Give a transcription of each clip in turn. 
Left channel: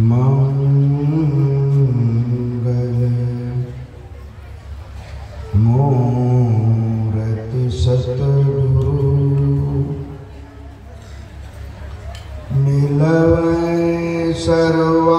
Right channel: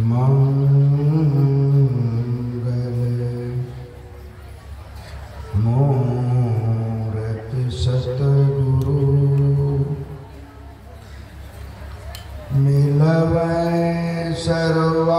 मंगल मूरत सतगुरु मिलवै सर्वाधार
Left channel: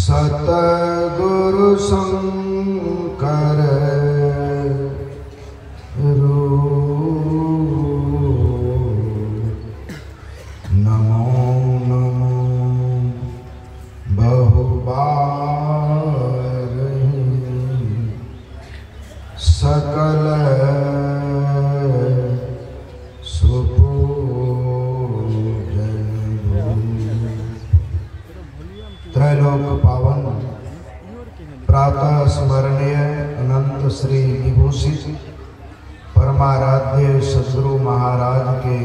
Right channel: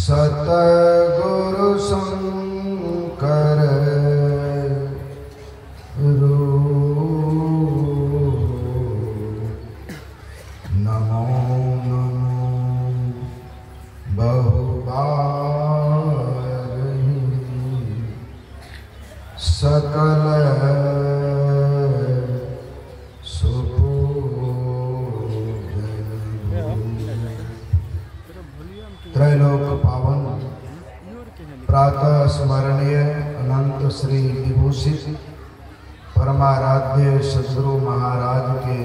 सतगुरु शंकर नमो नमो बहुबार सकल त्रैलोक पावन प्रातः स्मरणीय अनंत श्री विभूषित परमाराध्य सद्गुरु महाराज के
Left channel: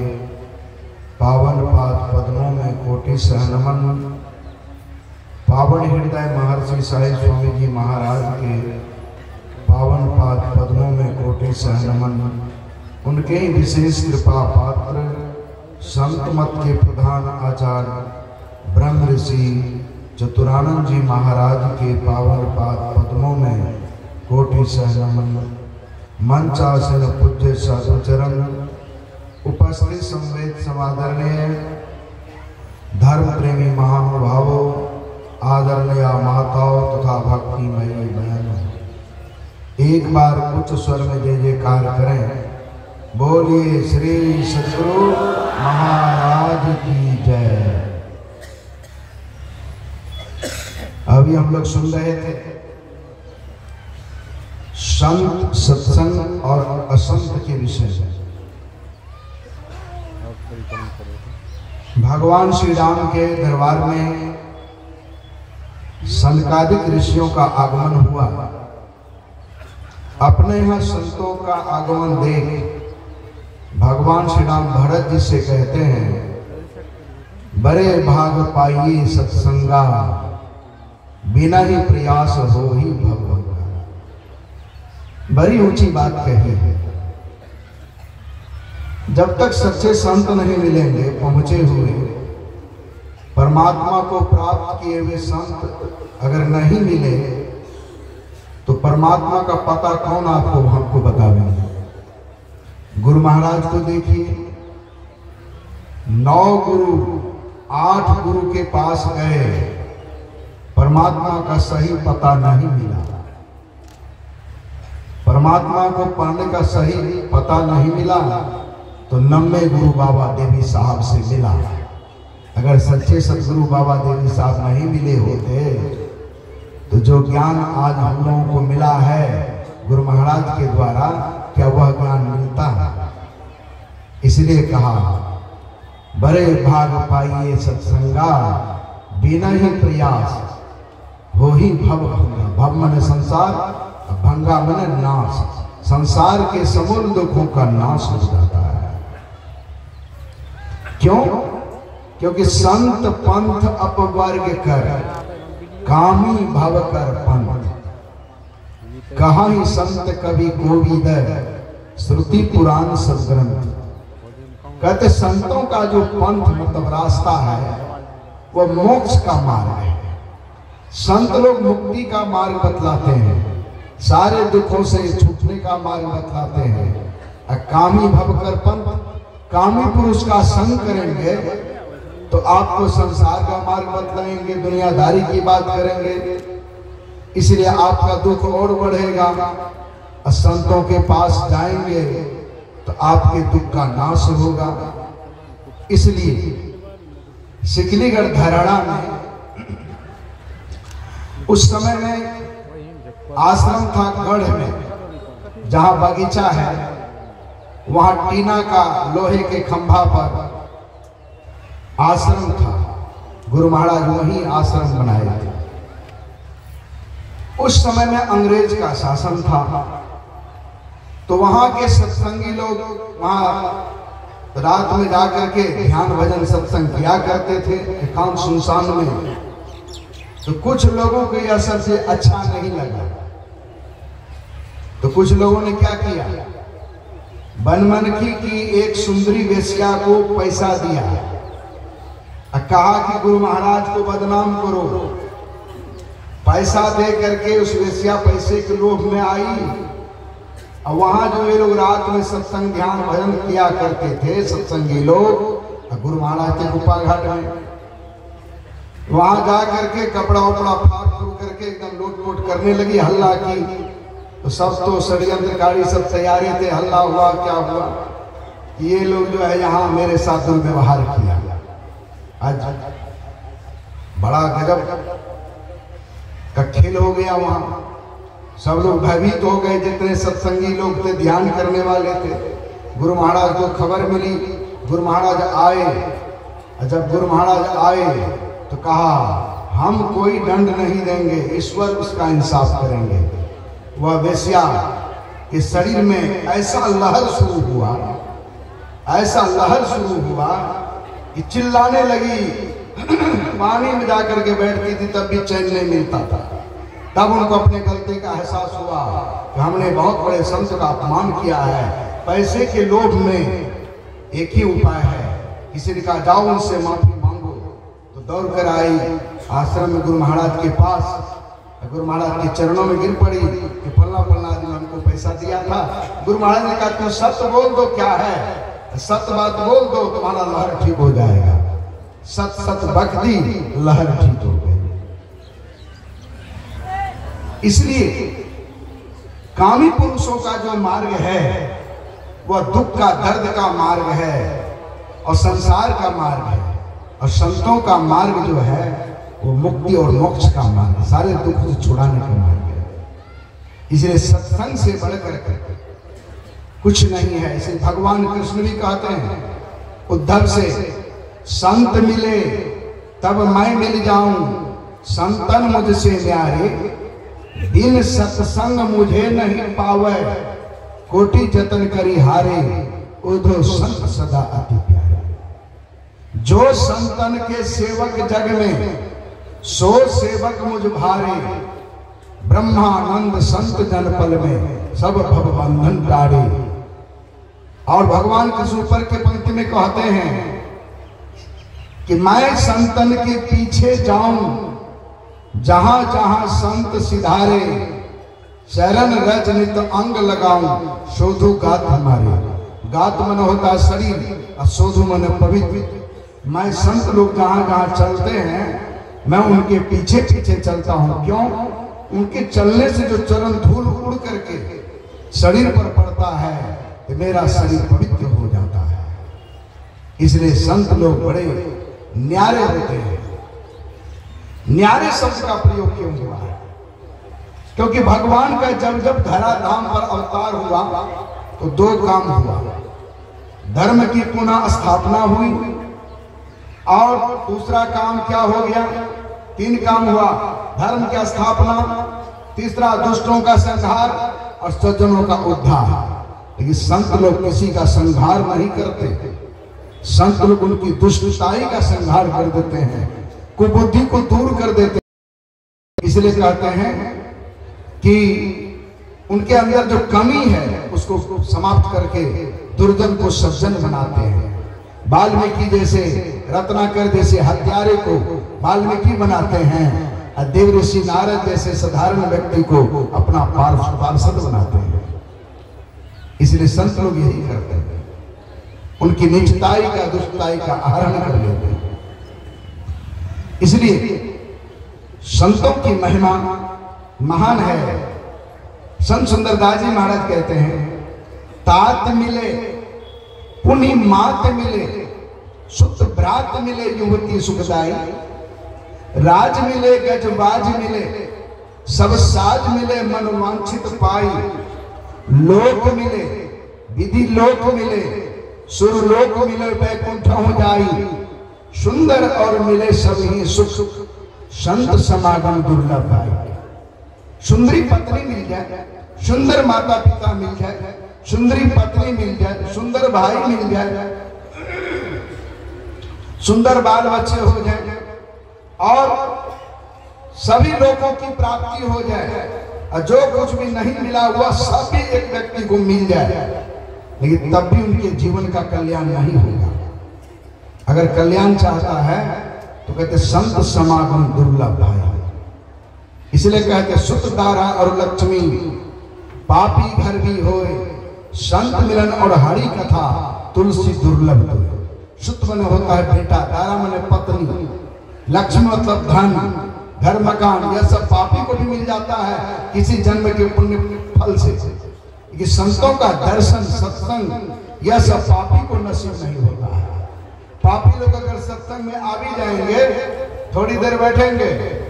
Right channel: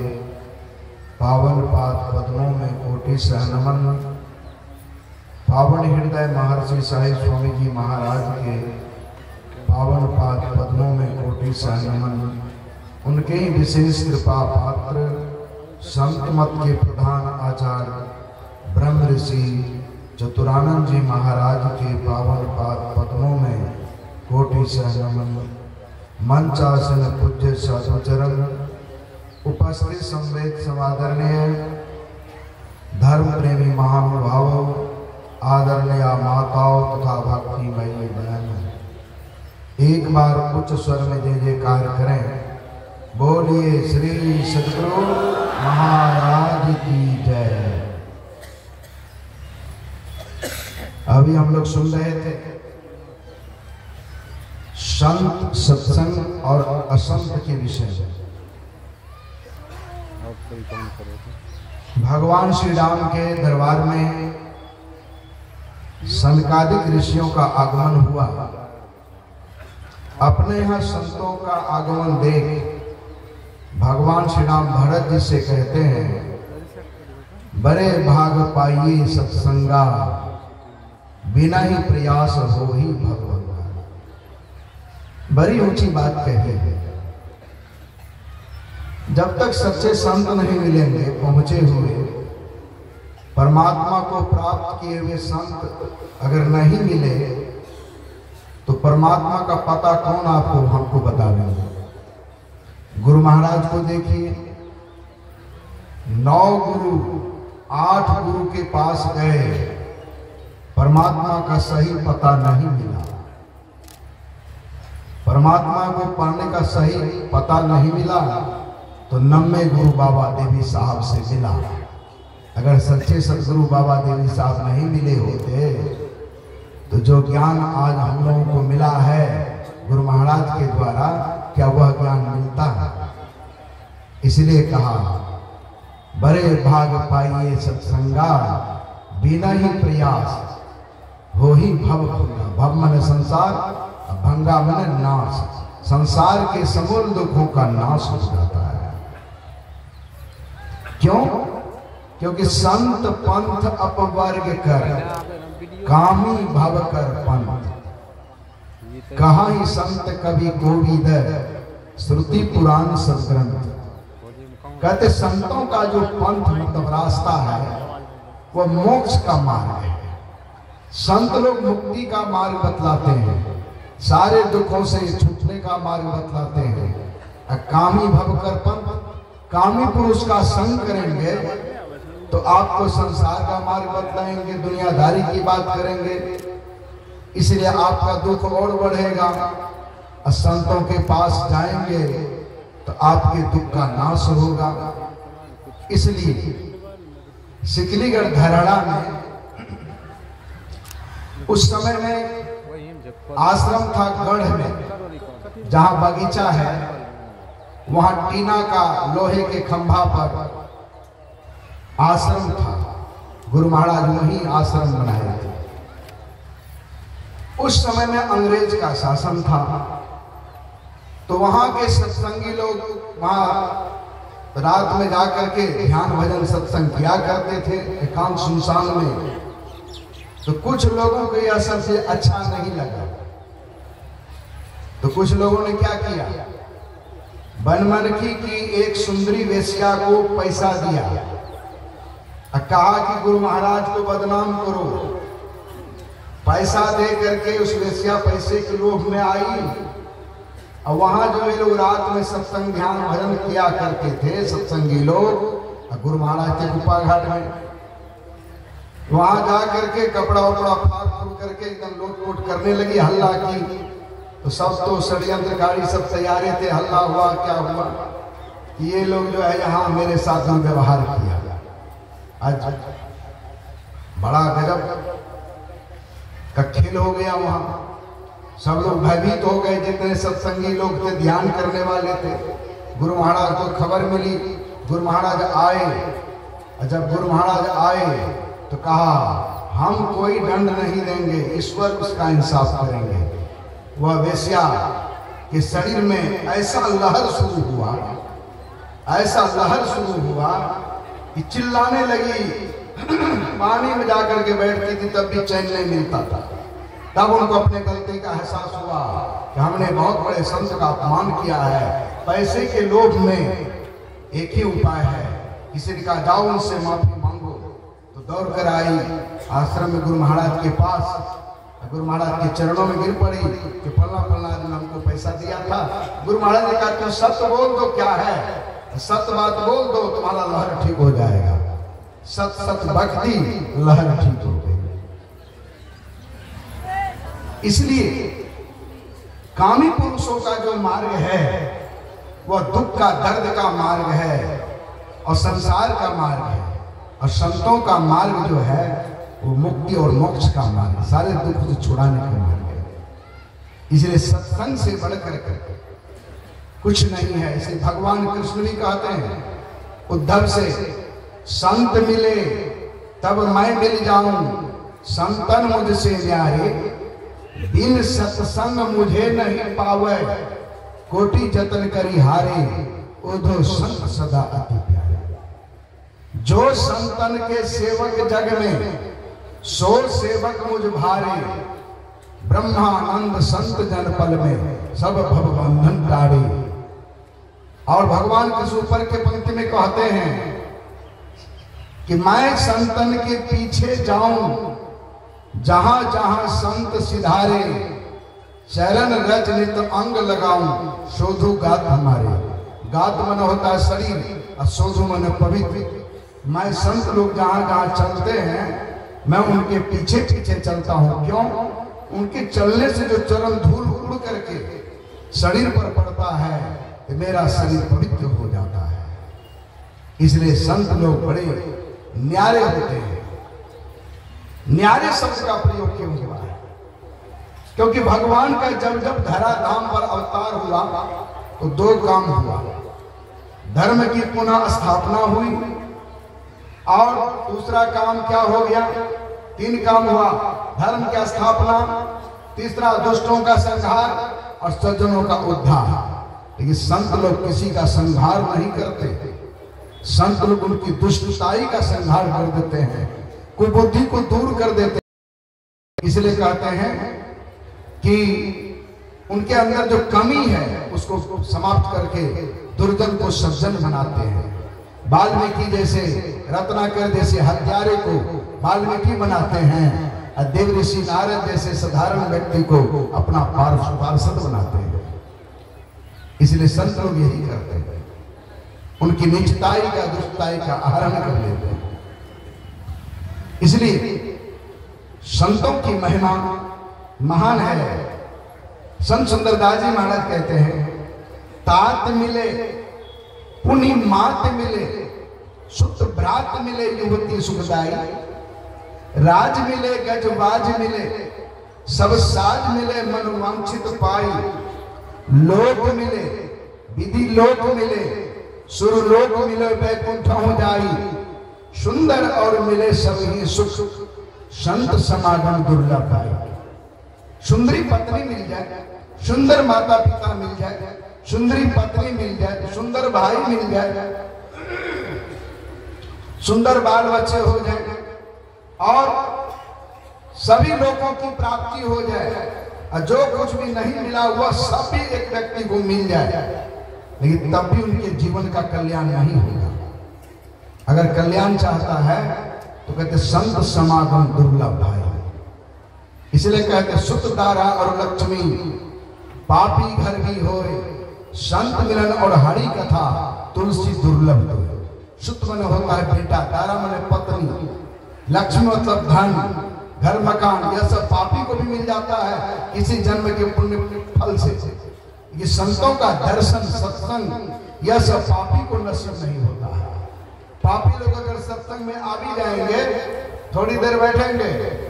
पावन पाद पद्मों में कोटि सहनमन। पावन हृदय महर्षि साईं स्वामी जी महाराज के पावन पाद पद्मों में कोटि सहनमन। उनके ही विशेष कृपा पात्र संत मत के प्रधान आचार्य ब्रह्म ऋषि चतुरानंद जी महाराज के पावन पाद पद्मों में कोटि सहनमन। मंचासन पूज्य साधु चरण उपस्थित संवेद समादरणीय धर्म प्रेमी महानुभावों आदरणीय माताओं तथा भक्तिमयी बहन, एक बार उच्च स्वर में जय जयकार करें। बोलिए श्री सद्गुरु महाराज की जय। अभी हम लोग सुन रहे थे संत सत्संग और असंत के विषय में। भगवान श्री राम के दरबार में सनकादिक ऋषियों का आगमन हुआ। अपने यहाँ संतों का आगमन देख भगवान श्री राम भरत जी से कहते हैं, बड़े भाग पाइए सत्संगा, बिना ही प्रयास हो ही भगवंगा। बड़ी ऊंची बात कही है। जब तक सच्चे संत नहीं मिलेंगे, पहुंचे हुए परमात्मा को प्राप्त किए हुए संत अगर नहीं मिले तो परमात्मा का पता कौन आपको हमको बतावेंगे। गुरु महाराज को देखिए, 9 गुरु 8 गुरु के पास गए, परमात्मा का सही पता नहीं मिला। परमात्मा को पाने का सही पता नहीं मिला तो 90 गुरु बाबा देवी साहब से मिला। अगर सच्चे सदगुरु बाबा देवी साहब नहीं मिले होते तो जो ज्ञान आज हम लोगों को मिला है गुरु महाराज के द्वारा, क्या वह ज्ञान मिलता है? इसलिए कहा, बड़े भाग पाइए सत्संगा, बिना ही प्रयास हो ही भव भंगा। भव मन संसार, भंगा मन नाश। संसार के समूल दुखों का नाश हो जाता है। क्यों? क्योंकि संत पंथ अपवर्ग कर, कामी भव कर पंथ। कहाँ ही संत कवि कोविद, श्रुति पुराण सदग्रंथ। कहते संतों का जो पंथ मतलब रास्ता है वो मोक्ष का मार्ग है। संत लोग मुक्ति का मार्ग बतलाते हैं, सारे दुखों से छूटने का मार्ग बतलाते हैं। कामी भव कर पंथ, कामी पुरुष का संग करेंगे तो आपको संसार का मार्ग बतलाएंगे, दुनियादारी की बात करेंगे, इसलिए आपका दुख और बढ़ेगा। संतों के पास जाएंगे तो आपके दुख का नाश होगा। इसलिए सिकलीगढ़ धराड़ा में उस समय में आश्रम था गढ़ में, जहां बगीचा है वहां टीना का लोहे के खंभा पर आश्रम था। गुरु महाराज वहीं आश्रम बनाए थे। उस समय में अंग्रेज का शासन था, तो वहां के सत्संगी लोग वहां रात में जाकर के ध्यान भजन सत्संग किया करते थे एकांत सुनसान में। तो कुछ लोगों को यह सबसे अच्छा नहीं लगा, तो कुछ लोगों ने क्या किया, बनमनखी की एक सुंदरी वेश्या को पैसा दिया, कहा कि गुरु महाराज को बदनाम करो। पैसा दे करके उस वेश्या पैसे के लोभ में आई, और वहां जो ये लोग रात में सत्संग ध्यान भजन किया करते थे सत्संगी लोग, गुरु महाराज के गुफा घाट में, वहां जा करके कपड़ा उपड़ा फाड़ फूड़ करके एकदम लोट करने लगी, हल्ला की। तो सब तो षड्यंत्रकारी सब तैयारी थे, हल्ला हुआ, क्या हुआ, ये लोग जो है यहाँ मेरे साथ व्यवहार किया। आज बड़ा गजब का खेल हो गया वहां। सब लोग भयभीत हो गए, जितने सत्संगी लोग थे, ध्यान करने वाले थे। गुरु महाराज को खबर मिली, गुरु महाराज आए। जब गुरु महाराज आए तो कहा हम कोई दंड नहीं देंगे, ईश्वर उसका इंसाफ करेंगे। वह वेश्या के शरीर में ऐसा लहर शुरू हुआ, ऐसा लहर शुरू हुआ कि चिल्लाने लगी। पानी में जाकर के बैठती थी तब भी चैन नहीं मिलता था। तब उनको अपने गलती का एहसास हुआ कि हमने बहुत बड़े संत का अपमान किया है। पैसे के लोभ में एक ही उपाय है, किसी ने कहा जाओ उनसे माफी मांगो। तो दौड़ कर आई आश्रम में गुरु महाराज के पास, गुरु महाराज के चरणों में गिर पड़ी कि फल्ला आदमी हमको पैसा दिया था। गुरु महाराज ने कहा तुम सत्य बोल दो, क्या है सत्य बात बोल दो, तुम्हारा लहर ठीक हो जाएगा। सत सत भक्ति लहर ठीक हो गई। इसलिए कामी पुरुषों का जो मार्ग है वह दुख का, दर्द का मार्ग है और संसार का मार्ग है, और संतों का मार्ग जो है वो मुक्ति और मोक्ष का मार्ग, सारे दुख से छुड़ाने का मार्ग है। इसलिए सत्संग से बढ़कर कुछ नहीं है। इसे भगवान कृष्ण भी कहते हैं उद्धव से, संत मिले तब मैं मिल जाऊं, संतन मुझसे प्यारे, बिन सत्संग मुझे नहीं पावे, कोटि जतन करी हारे, उधो संत सदा अति प्यारे। जो संतन के सेवक जग में, सो सेवक मुझ भारे, ब्रह्मानंद संत जनपल में, सब भव बंधन टारे। और भगवान कृष्ण ऊपर के पंक्ति में कहते हैं कि मैं संतन के पीछे जाऊं, जहां जहां संत सिधारे, शरण रज नित अंग लगाऊं, शोधु गात हमारे। गात मन होता है शरीर और शोधु मन पवित्र। मैं संत लोग जहां जहां चलते हैं मैं उनके पीछे पीछे चलता हूं। क्यों? उनके चलने से जो चरण धूल उड़ करके शरीर पर पड़ता है तो मेरा शरीर पवित्र हो जाता है। इसलिए संत लोग बड़े न्यारे होते हैं। न्यारे शब्द का प्रयोग क्यों हुआ है? क्योंकि भगवान का जब जब धराधाम पर अवतार हुआ तो दो काम हुआ, धर्म की पुनः स्थापना हुई और दूसरा काम क्या हो गया? तीन काम हुआ, धर्म की स्थापना, तीसरा दुष्टों का संहार और सज्जनों का उद्धार। लेकिन संत लोग किसी का संहार नहीं करते, संत लोग उनकी दुष्टताई का संहार कर देते हैं, कुबुद्धि को दूर कर देते हैं। इसलिए कहते हैं कि उनके अंदर जो कमी है उसको समाप्त करके दुर्जन को सज्जन बनाते हैं। वाल्मीकि जैसे, रत्नाकर जैसे हत्यारे को वाल्मीकि बनाते हैं, और देव ऋषि नारद जैसे साधारण व्यक्ति को अपना पार्षद बनाते हैं। इसलिए संत लोग यही करते हैं, उनकी नीचताई का, दुष्टताई का आहरण कर लेते हैं। इसलिए संतों की महिमा महान है। संत सुंदरदास जी महाराज कहते हैं, तात मिले पुनि मात मिले, शुद्ध भ्रात मिले युवती सुखदाई, राज मिले गजबाज मिले, सब साज मिले मन वांछित पाई, लोक मिले, विधि लोक मिले, सुर लोक मिले, वैकुंठ हो जाई, सुंदर और मिले सभी सुख, संत समागम दुर्लभ है। सुंदरी पत्नी मिल जाए, सुंदर माता पिता मिल जाए, सुंदरी पत्नी मिल जाए, सुंदर भाई मिल जाए, सुंदर बाल बच्चे हो जाए और सभी लोगों की प्राप्ति हो जाए, और जो कुछ भी नहीं मिला हुआ सब भी एक व्यक्ति को मिल जाए, लेकिन तब भी उनके जीवन का कल्याण नहीं होगा। अगर कल्याण चाहता है तो कहते संत समागम दुर्लभ है। इसलिए कहते सुत दारा और लक्ष्मी पापी घर भी होए, संत मिलन और हरि कथा तुलसी दुर्लभ हो। सुत मन होता है बेटा, दारा मन पत्नी, लक्ष्मी मतलब धन, घर मकान, यह सब पापी को भी मिल जाता है किसी जन्म के पुण्य फल से। ये संतों का दर्शन सत्संग यह सब पापी को नसीब नहीं होता है। पापी लोग अगर सत्संग में आ भी जाएंगे, थोड़ी देर बैठेंगे,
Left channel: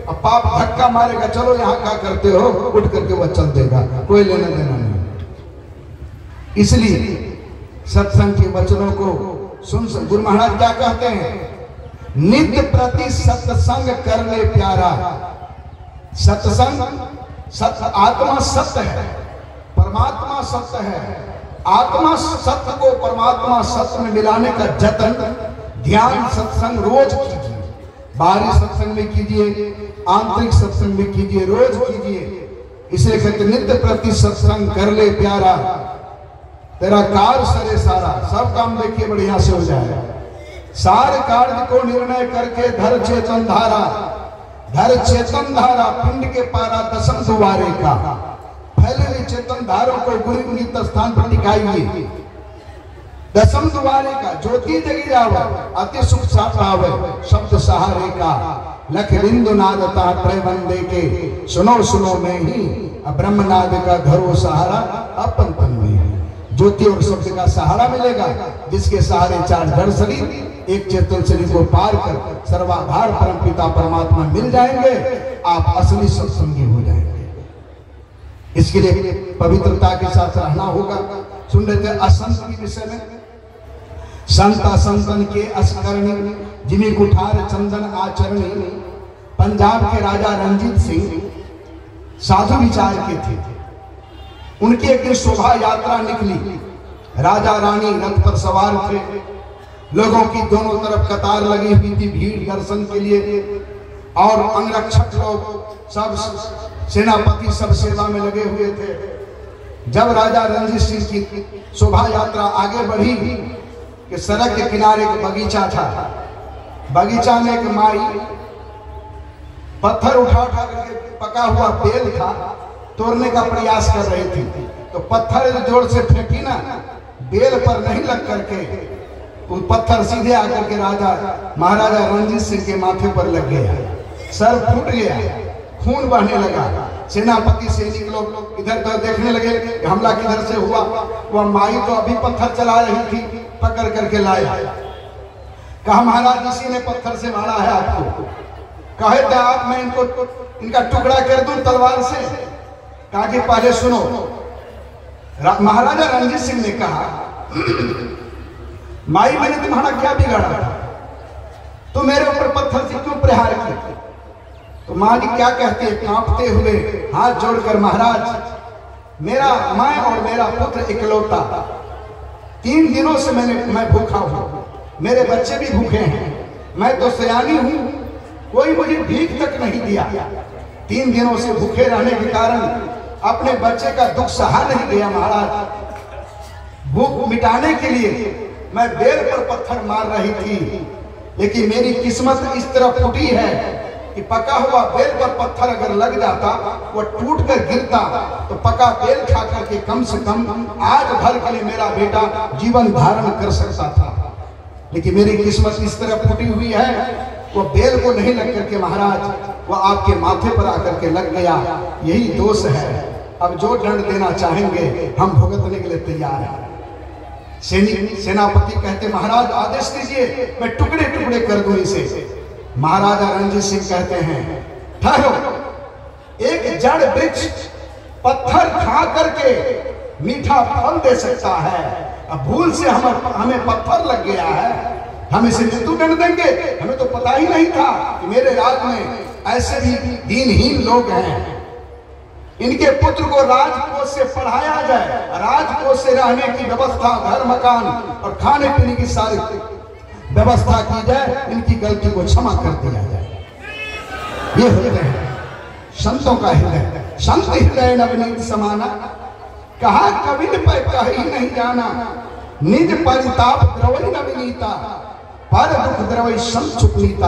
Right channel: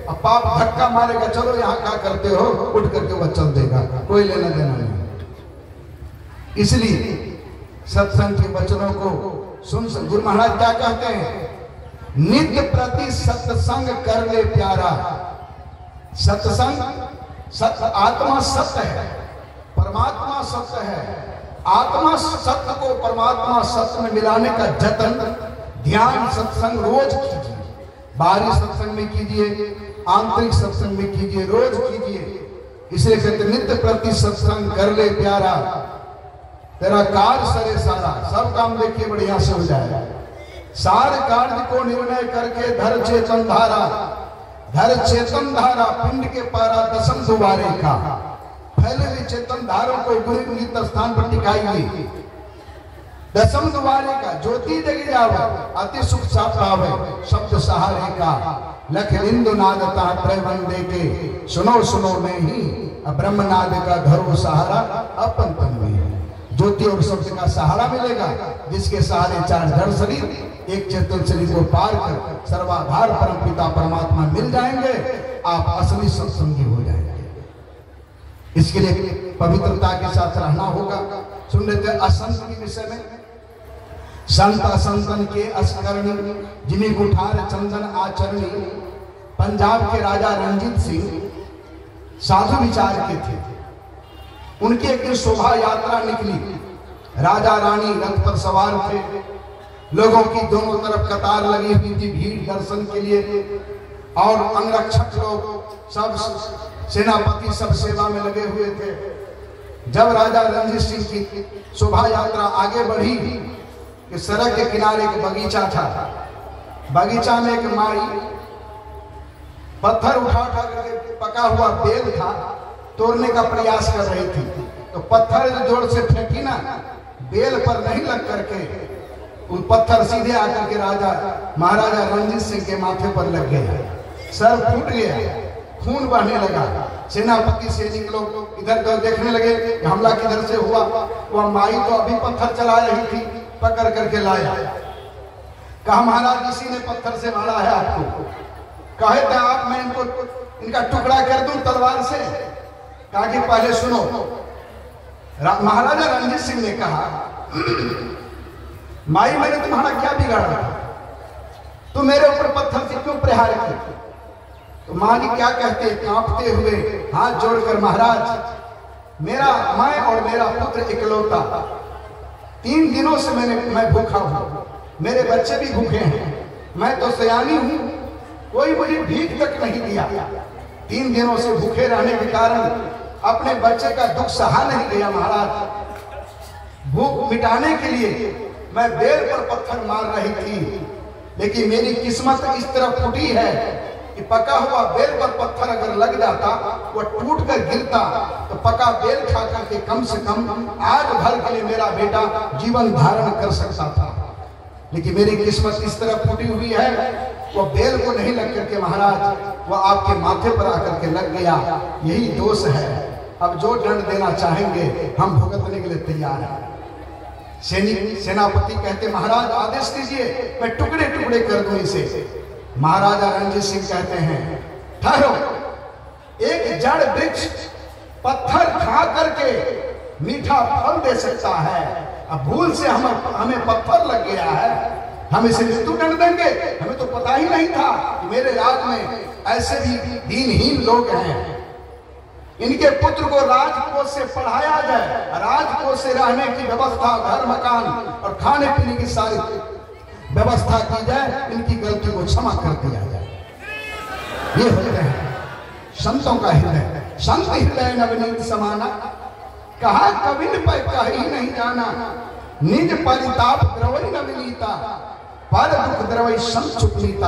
अब पाप धक्का मारेगा, चलो यहाँ क्या करते हो, उठ करके वह चल देगा, कोई लेना देना नहीं। इसलिए सत्संग के वचनों को सुन। गुरु महाराज क्या कहते हैं, नित्य प्रति सत्संग कर ले प्यारा। सत्संग, सत्य आत्मा सत्य है, परमात्मा सत्य है। आत्मा सत्य को परमात्मा सत्य में मिलाने का जतन, ध्यान सत्संग रोज कीजिए। बाहरी सत्संग में कीजिए, आंतरिक सत्संग में कीजिए, रोज कीजिए। इसे कहते नित्य प्रति सत्संग कर ले प्यारा, तेरा कार्य सरे सारा, सब काम देखिए बढ़िया से हो जाए। सारे कार्य को निर्णय करके धर चेतन धारा, धर चेतन धारा पिंड के पारा दसम दुआरे का। फैले हुए चेतन धारों को गुरु नित्य स्थान पर टिकाइए। दसम दुआरे का ज्योति जगी जावे, अति सुख सा पावे, शब्द सहारे का। लख बिंदु नादता प्रबंधे के, सुनो सुनो में ही ब्रह्मनाद का धरो सहारा अपन तन में। ज्योति और शब्द का सहारा मिलेगा, जिसके सहारे चार जड़ शरीर एक चेतन शरीर को पार कर सर्वाधार परम पिता परमात्मा मिल जाएंगे, आप असली सत्संगी हो जाएंगे। इसके लिए पवित्रता के साथ रहना होगा। सुन लेते हैं असंत के विषय में। संत असंतन के असकरणी, जिमी कुठार चंदन आचरणी। पंजाब के राजा रंजीत सिंह साधु विचार के थे। उनकी एक शोभा यात्रा निकली, राजा रानी रथ पर सवार थे, लोगों की दोनों तरफ कतार लगी हुई थी भीड़ दर्शन के लिए, और अंगरक्षक लोग सब, सेनापति सब सेवा में लगे हुए थे। जब राजा रणजीत सिंह की शोभा यात्रा आगे बढ़ी कि सड़क के किनारे एक बगीचा था। बगीचा में एक माई पत्थर उठा उठा करके पका हुआ बेल था, तोड़ने का प्रयास कर रही थी। तो पत्थर जोर से फेंकी ना, बेल पर नहीं लग करके वो पत्थर सीधे आकर के राजा महाराजा रणजीत सिंह के माथे पर लग गया। सर फूट गया, खून बहने लगा। सेनापति सैनिक लोग इधर उधर देखने लगे कि हमला किधर से हुआ। वह माई तो अभी पत्थर चला रही थी, पकड़ करके लाया। कहा महाराज इसी ने पत्थर से मारा है आपको। कहे थे आप मैं इनका टुकड़ा कर दूं तलवार से। कहा कि पहले सुनो। महाराजा रणजीत सिंह ने कहा माई मैंने तुम्हारा क्या बिगाड़ा, तू मेरे ऊपर पत्थर से क्यों प्रहार किया। तो मां जी क्या कहते हैं कांपते हुए हाथ जोड़कर, महाराज मेरा मैं और मेरा पुत्र इकलौता, 3 दिनों से मैं भूखा हूं, मेरे बच्चे भी भूखे हैं, मैं तो सयानी हूं, कोई मुझे भीख तक नहीं दिया। 3 दिनों से भूखे रहने के कारण अपने बच्चे का दुख सहा नहीं गया। महाराज भूख मिटाने के लिए मैं बेल पर पत्थर मार रही थी, लेकिन मेरी किस्मत इस तरह फूटी है कि पका हुआ बेल का पत्थर अगर लग जाता, वो टूट कर गिरता, तो पका बेल खा करके कम से कम आज भर के लिए मेरा बेटा जीवन धारण कर सकता था। लेकिन मेरी किस्मत इस तरह फूटी हुई है, वो बेल को नहीं लग करके महाराज वो आपके माथे पर आकर के लग गया। यही दोष है। अब जो दंड देना चाहेंगे हम भुगतने के लिए तैयार हैं। सेनापति कहते महाराज आदेश दीजिए, मैं टुकड़े टुकड़े कर दूं इसे। महाराजा रणजीत सिंह कहते हैं ठहरो, एक जड़ वृक्ष पत्थर खा करके मीठा फल दे सकता है। अब भूल से हमें पत्थर लग गया है, हम इसे मृत्युदंड देंगे। हमें तो पता ही नहीं था कि मेरे राज्य में ऐसे भी दीनहीन लोग हैं। इनके पुत्र को राजकोष से पढ़ाया जाए, राजकोष से रहने की व्यवस्था, घर मकान और खाने पीने की सारी व्यवस्था की जाए, इनकी गलती को क्षमा कर दिया जाए। ये होते हैं संतों का हृदय। संत हृदय नवनीत समाना, कहा कवि पर कही नहीं जाना, निज परिताप द्रवई नवनीता, पर दुख द्रवई संत चुकनीता।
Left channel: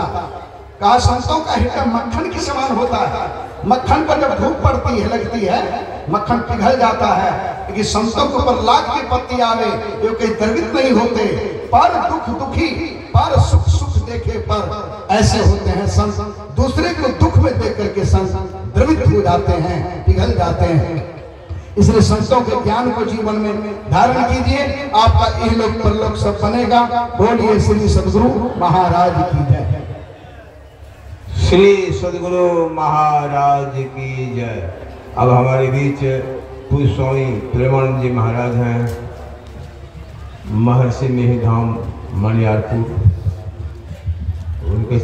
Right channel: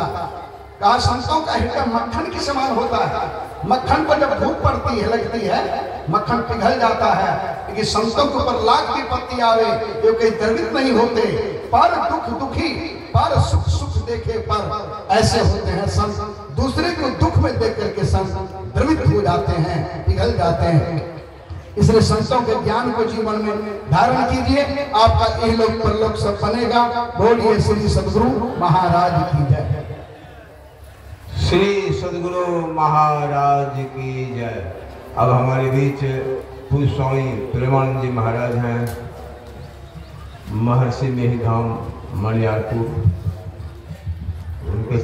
कहा संतों का हृदय मक्खन के समान होता है। मक्खन पर जब धूप पड़ती है, लगती है, मक्खन पिघल जाता है। लेकिन संतों के ऊपर लाख की पत्ती आवे, ये कहीं द्रवित नहीं होते। पर दुख दुखी, पर सुख सुख देखे पर ऐसे होते हैं संत। दूसरे को दुख में देख करके संत द्रवित हो जाते हैं, पिघल जाते हैं। इसलिए संतों के ज्ञान को जीवन में धारण कीजिए, आपका इहलोक परलोक सब बनेगा। बोलिए श्री सद्गुरु महाराज की जय। श्री सद्गुरु महाराज की जय। अब हमारे बीच पूज्य स्वामी प्रेमानंद जी महाराज हैं, महर्षि मेहधाम मनियारपुर। उनके